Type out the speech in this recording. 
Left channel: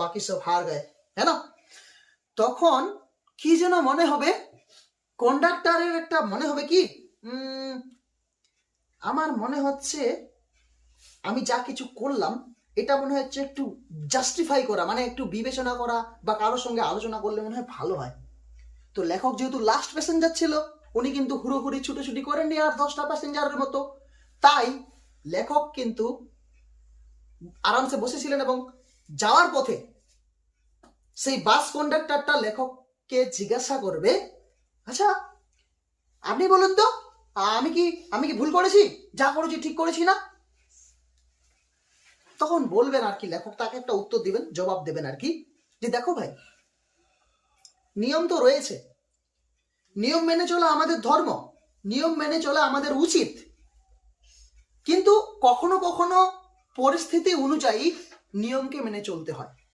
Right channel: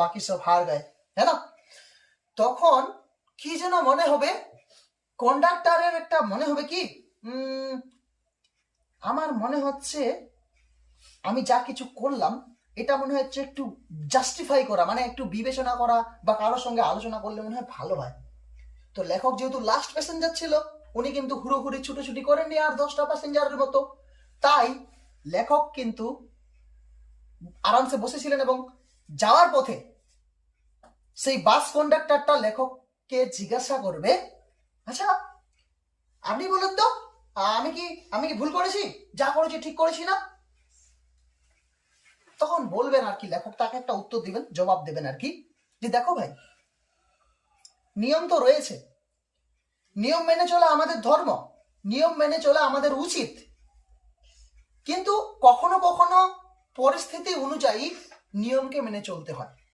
বাকি সব হার গায়ে, হ্যাঁ না? তখন কি যেন মনে হবে, কন্ডাক্টরের একটা মনে হবে কি, আমার মনে হচ্ছে আমি যা কিছু করলাম এটা মনে হচ্ছে একটু জাস্টিফাই করা, মানে একটু বিবেচনা করা বা কারোর সঙ্গে আলোচনা করলে মনে হয় ভালো হয়। তো লেখক যেহেতু লাস্ট প্যাসেঞ্জার ছিল, উনি কিন্তু হুড়োহুড়ি ছুটোছুটি করেননি আর 10টা প্যাসেঞ্জারের মতো, তাই লেখক কিন্তু আরামসে বসেছিলেন এবং যাওয়ার পথে সেই বাস কন্ডাক্টরটা লেখককে জিজ্ঞাসা করবে, আচ্ছা আপনি বলুন তো, আমি কি ভুল করেছি, যা করেছি ঠিক করেছি না? তখন বলবেন আর কি, লেখক তাকে একটা উত্তর দিবেন, জবাব দেবেন আর কি, যে দেখো ভাই, নিয়ম তো রয়েছে, নিয়ম মেনে চলা আমাদের ধর্ম, নিয়ম মেনে চলা আমাদের উচিত, কিন্তু কখনো কখনো পরিস্থিতি অনুযায়ী নিয়মকে মেনে চলতে হয়।